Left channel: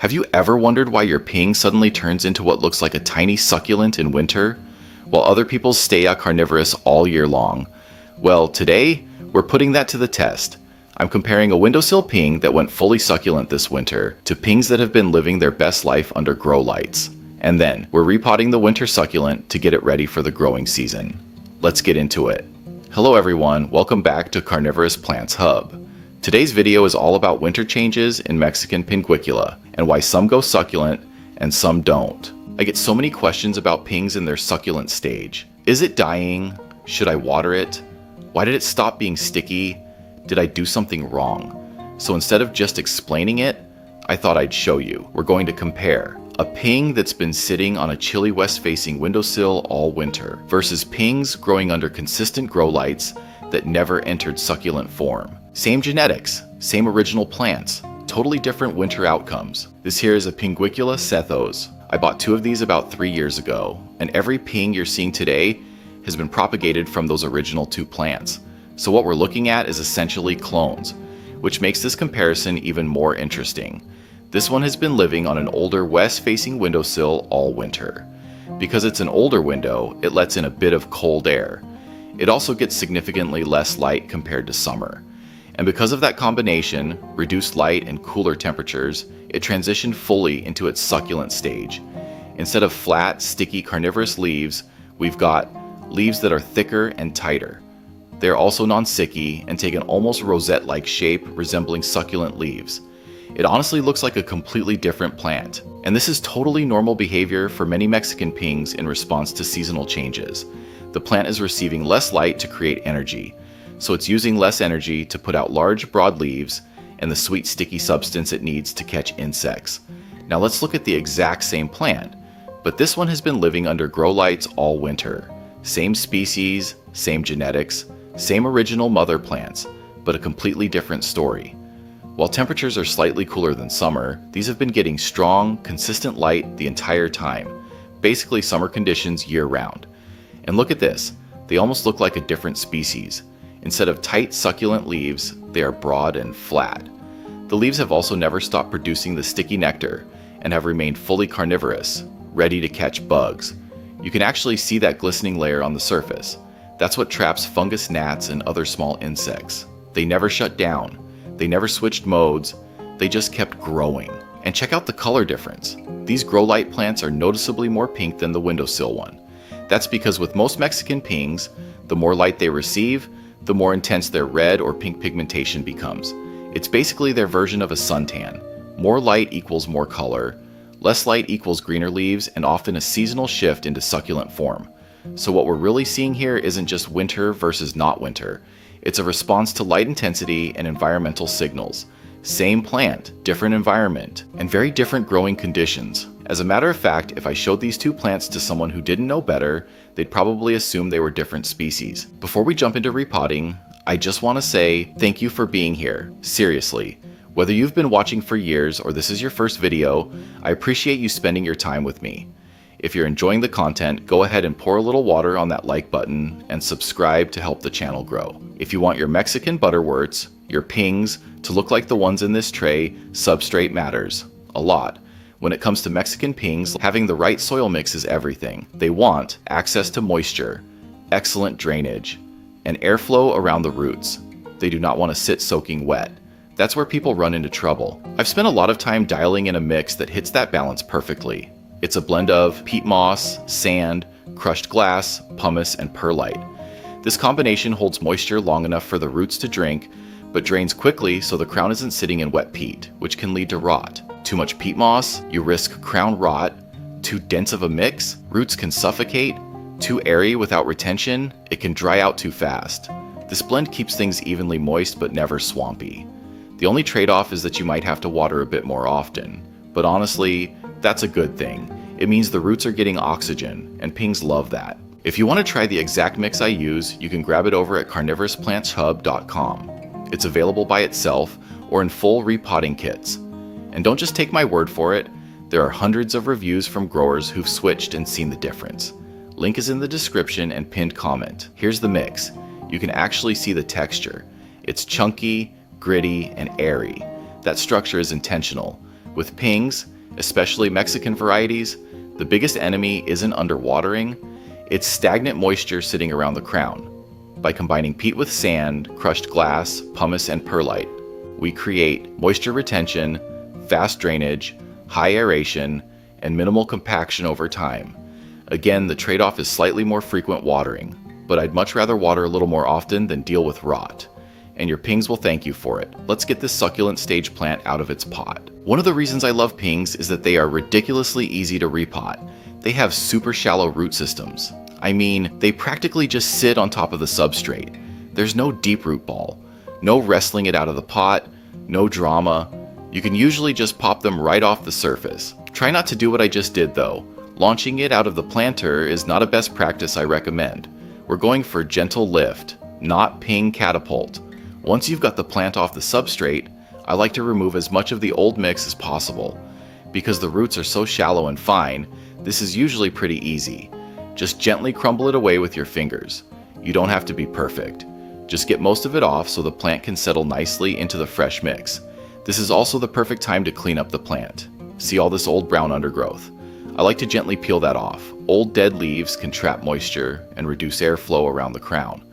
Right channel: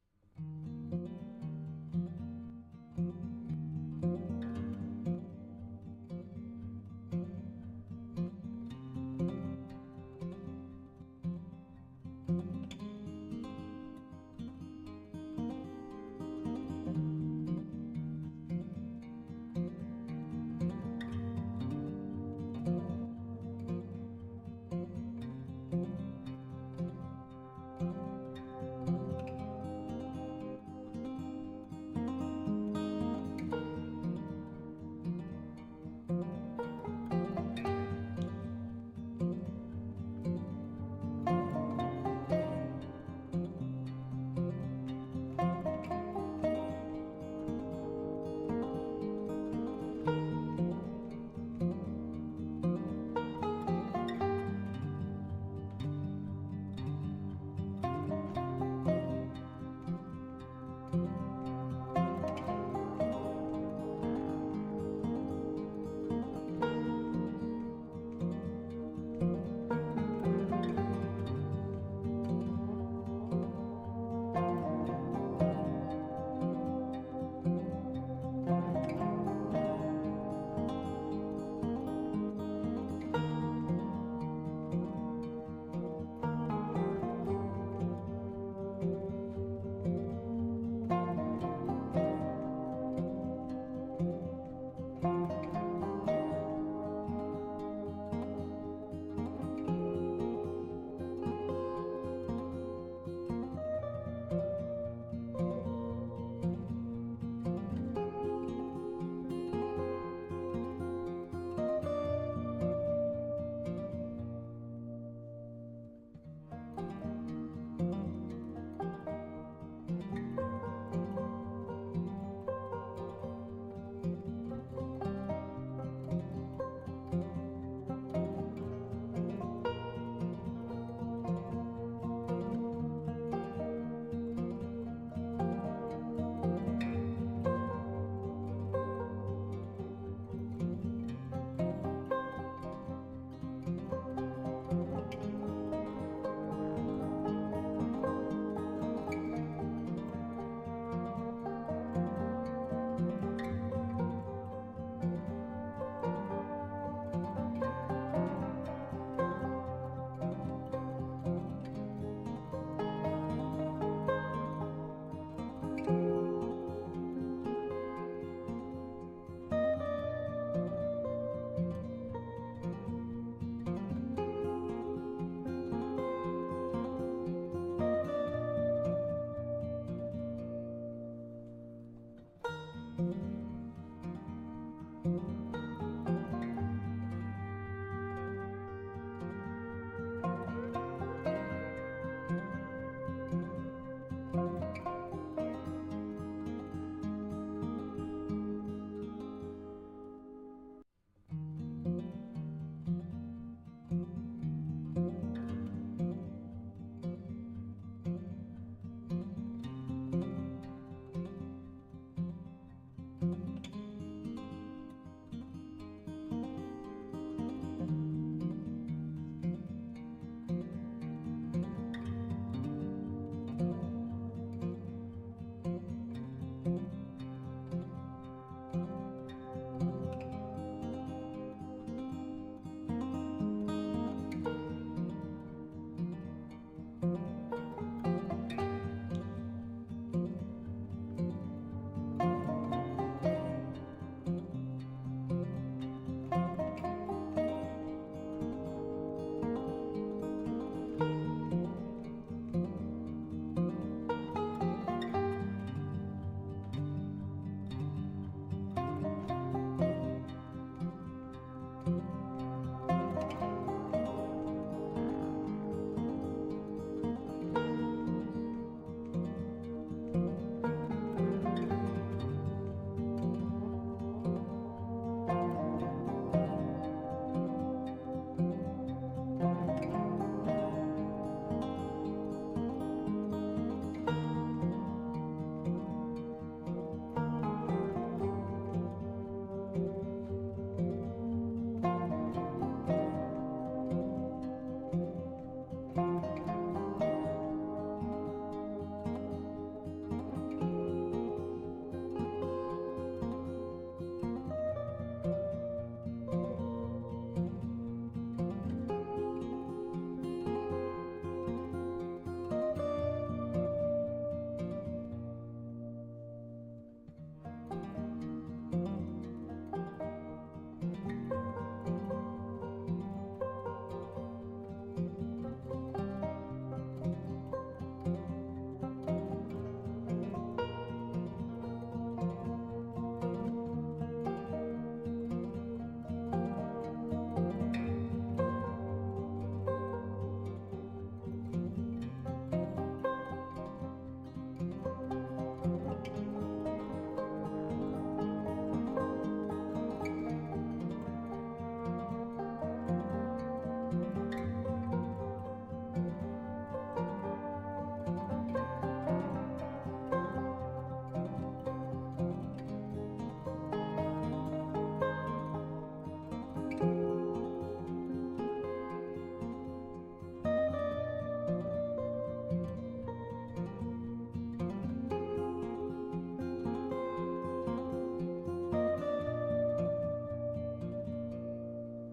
Have you ever wondered why your ping suddenly turns into what looks like a tiny succulent in winter, while other people's stay carnivorous all year long? Well, today, we're putting that to the test. I'm comparing a windowsill ping that went fully succulent this winter to pings that have been living their best life under grow lights. And then, we're repotting the winter succulent to get it ready for the growing season. Let's get into it. Hello everyone, welcome back to Carnivorous Plants Hub. Today's video is all about winter changes in Mexican Pinguicula and why some go succulent and some don't. I get so many questions about pings in their succulent stage. Is it dying? Should I water it? Why did it stop being sticky? Did I do something wrong? So instead of just explaining it, I thought I'd show you. We're going to compare a ping that's been sitting on a chilly west-facing windowsill all winter versus pings growing under consistent grow lights that never entered succulent form. Same genetics, same original plants, totally different winter outcomes. This here is a Pinguicula Sethos. I bought 2 of these about 3 years ago, and every ping you're seeing today has been propagated from those original 2 plants. So what we're looking at is essentially clones, which makes this comparison even more interesting. This one has been living on an older west-facing windowsill all winter. Because it's an older window, it lets in a bit of cold air. It also gets significantly less light compared to summer. And because of that combination, reduced light and cooler temperatures, it transitioned fully into its succulent stage. Instead of flat, sticky carnivorous leaves, we've got leaves that are thicker and tighter. They're also non-sticky and take an almost rosette-like shape resembling succulent leaves. It honestly looks like a completely different plant, and this is totally normal behavior for many Mexican pings in response to seasonal changes. The plant is receiving less light to create energy, so it's using less energy to put out large, broad leaves and the sweet, sticky substance it needs to catch insects. Now let's look at the exact same plant, but this one has been living under grow lights all winter. Same species, same genetics, same original mother plants, but a completely different story. While temperatures are slightly cooler than summer, these have been getting strong, consistent light the entire time, basically summer conditions year-round. And look at this, they almost look like a different species. Instead of tight, succulent leaves, they are broad and flat. The leaves have also never stopped producing the sticky nectar and have remained fully carnivorous, ready to catch bugs. You can actually see that glistening layer on the surface. That's what traps fungus gnats and other small insects. They never shut down. They never switched modes. They just kept growing. And check out the color difference. These grow light plants are noticeably more pink than the windowsill one. That's because with most Mexican pings, the more light they receive, the more intense their red or pink pigmentation becomes. It's basically their version of a suntan. More light equals more color. Less light equals greener leaves and often a seasonal shift into succulent form. So what we're really seeing here isn't just winter versus not winter. It's a response to light intensity and environmental signals. Same plant, different environment, and very different growing conditions. As a matter of fact, if I showed these 2 plants to someone who didn't know better, they'd probably assume they were different species. Before we jump into repotting, I just want to say thank you for being here. Seriously. Whether you've been watching for years or this is your first video, I appreciate you spending your time with me. If you're enjoying the content, go ahead and pour a little water on that like button and subscribe to help the channel grow. If you want your Mexican butterworts, your pings, to look like the ones in this tray, substrate matters a lot. When it comes to Mexican pings, having the right soil mix is everything. They want access to moisture, excellent drainage, and airflow around the roots. They do not want to sit soaking wet. That's where people run into trouble. I've spent a lot of time dialing in a mix that hits that balance perfectly. It's a blend of peat moss, sand, crushed glass, pumice, and perlite. This combination holds moisture long enough for the roots to drink, but drains quickly so the crown isn't sitting in wet peat, which can lead to rot. Too much peat moss, you risk crown rot. Too dense of a mix, roots can suffocate. Too airy without retention, it can dry out too fast. This blend keeps things evenly moist but never swampy. The only trade-off is that you might have to water a bit more often. But honestly, that's a good thing. It means the roots are getting oxygen, and pings love that. If you want to try the exact mix I use, you can grab it over at carnivorousplantshub.com. It's available by itself or in full repotting kits. And don't just take my word for it, there are hundreds of reviews from growers who've switched and seen the difference. Link is in the description and pinned comment. Here's the mix. You can actually see the texture. It's chunky, gritty, and airy. That structure is intentional. With pings, especially Mexican varieties, the biggest enemy isn't underwatering, it's stagnant moisture sitting around the crown. By combining peat with sand, crushed glass, pumice, and perlite, we create moisture retention, fast drainage, high aeration, and minimal compaction over time. Again, the trade-off is slightly more frequent watering, but I'd much rather water a little more often than deal with rot. And your pings will thank you for it. Let's get this succulent stage plant out of its pot. One of the reasons I love pings is that they are ridiculously easy to repot. They have super shallow root systems. I mean, they practically just sit on top of the substrate. There's no deep root ball, no wrestling it out of the pot, no drama. You can usually just pop them right off the surface. Try not to do what I just did though. Launching it out of the planter is not a best practice I recommend. We're going for gentle lift, not ping catapult. Once you've got the plant off the substrate, I like to remove as much of the old mix as possible. Because the roots are so shallow and fine, this is usually pretty easy. Just gently crumble it away with your fingers. You don't have to be perfect. Just get most of it off so the plant can settle nicely into the fresh mix. This is also the perfect time to clean up the plant. See all this old brown undergrowth? I like to gently peel that off. Old dead leaves can trap moisture and reduce airflow around the crown.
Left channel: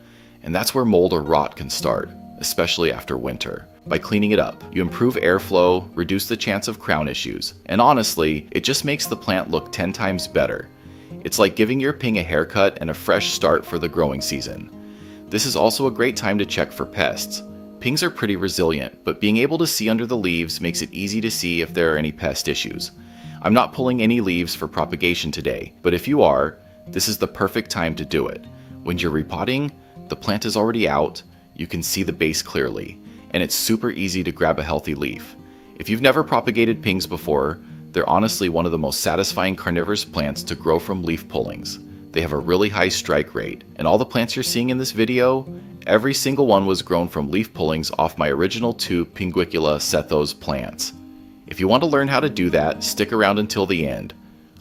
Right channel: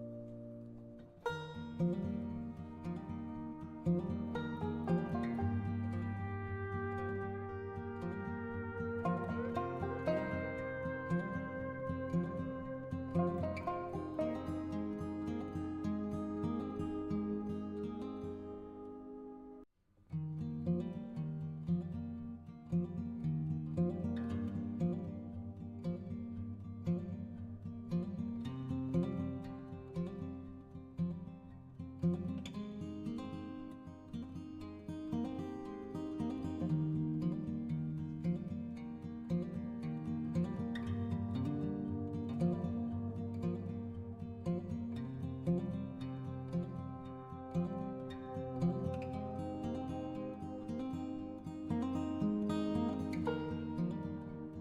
And that's where mold or rot can start, especially after winter. By cleaning it up, you improve airflow, reduce the chance of crown issues, and honestly, it just makes the plant look 10 times better. It's like giving your ping a haircut and a fresh start for the growing season. This is also a great time to check for pests. Pings are pretty resilient, but being able to see under the leaves makes it easy to see if there are any pest issues. I'm not pulling any leaves for propagation today, but if you are, this is the perfect time to do it. When you're repotting, the plant is already out, you can see the base clearly, and it's super easy to grab a healthy leaf. If you've never propagated pings before, they're honestly one of the most satisfying carnivorous plants to grow from leaf pullings. They have a really high strike rate, and all the plants you're seeing in this video, every single one was grown from leaf pullings off my original 2 Pinguicula Sethos plants. If you want to learn how to do that, stick around until the end.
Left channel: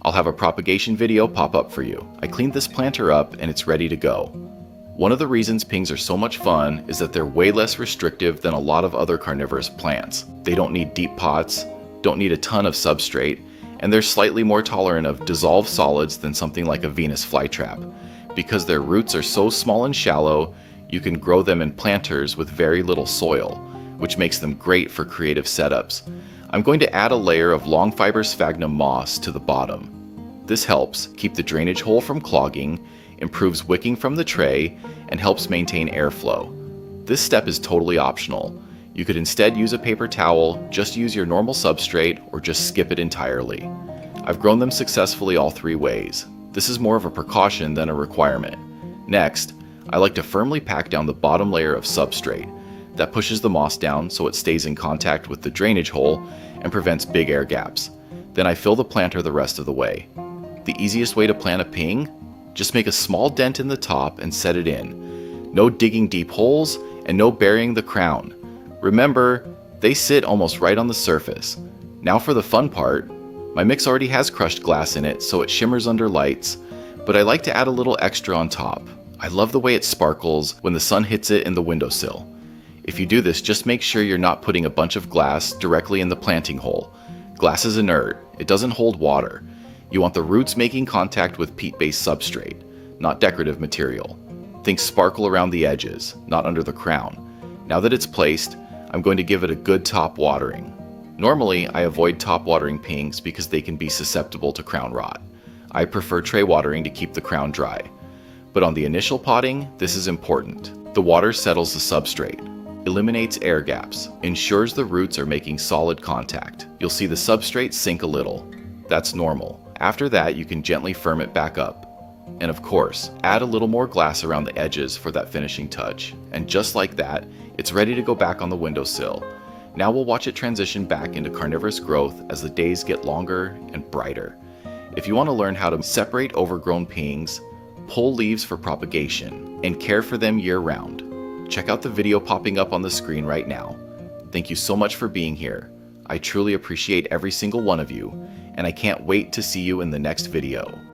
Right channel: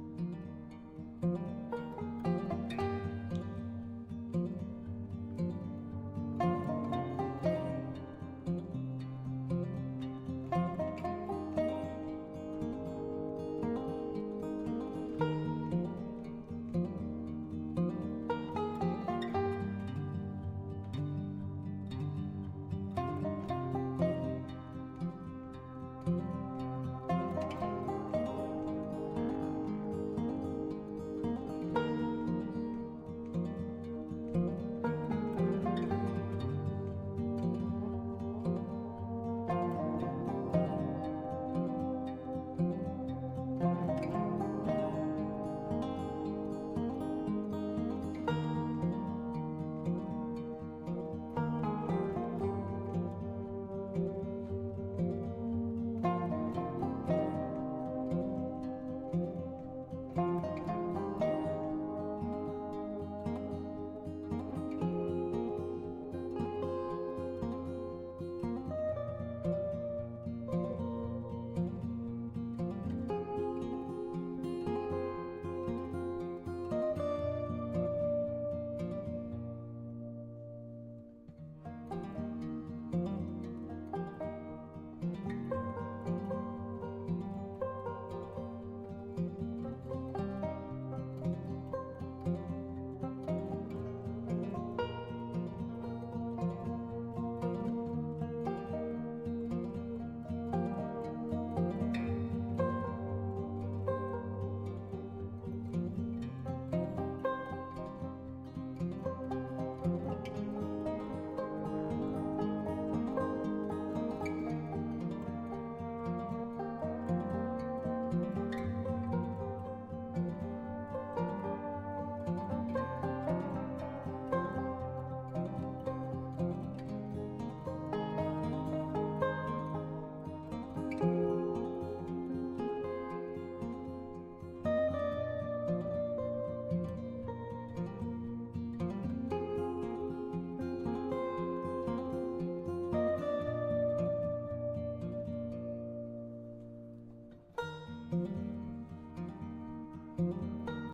I'll have a propagation video pop up for you. I cleaned this planter up and it's ready to go. One of the reasons pings are so much fun is that they're way less restrictive than a lot of other carnivorous plants. They don't need deep pots, don't need a ton of substrate, and they're slightly more tolerant of dissolved solids than something like a Venus flytrap. Because their roots are so small and shallow, you can grow them in planters with very little soil, which makes them great for creative setups. I'm going to add a layer of long fiber sphagnum moss to the bottom. This helps keep the drainage hole from clogging, improves wicking from the tray, and helps maintain airflow. This step is totally optional. You could instead use a paper towel, just use your normal substrate, or just skip it entirely. I've grown them successfully all 3 ways. This is more of a precaution than a requirement. Next, I like to firmly pack down the bottom layer of substrate. That pushes the moss down so it stays in contact with the drainage hole and prevents big air gaps. Then I fill the planter the rest of the way. The easiest way to plant a ping? Just make a small dent in the top and set it in. No digging deep holes and no burying the crown. Remember, they sit almost right on the surface. Now for the fun part. My mix already has crushed glass in it so it shimmers under lights, but I like to add a little extra on top. I love the way it sparkles when the sun hits it in the windowsill. If you do this, just make sure you're not putting a bunch of glass directly in the planting hole. Glass is inert, it doesn't hold water. You want the roots making contact with peat-based substrate, not decorative material. Think sparkle around the edges, not under the crown. Now that it's placed, I'm going to give it a good top watering. Normally, I avoid top watering pings because they can be susceptible to crown rot. I prefer tray watering to keep the crown dry. But on the initial potting, this is important. The water settles the substrate, eliminates air gaps, ensures the roots are making solid contact. You'll see the substrate sink a little. That's normal. After that, you can gently firm it back up. And of course, add a little more glass around the edges for that finishing touch. And just like that, it's ready to go back on the windowsill. Now we'll watch it transition back into carnivorous growth as the days get longer and brighter. If you want to learn how to separate overgrown pings, pull leaves for propagation, and care for them year-round, check out the video popping up on the screen right now. Thank you so much for being here. I truly appreciate every single one of you, and I can't wait to see you in the next video.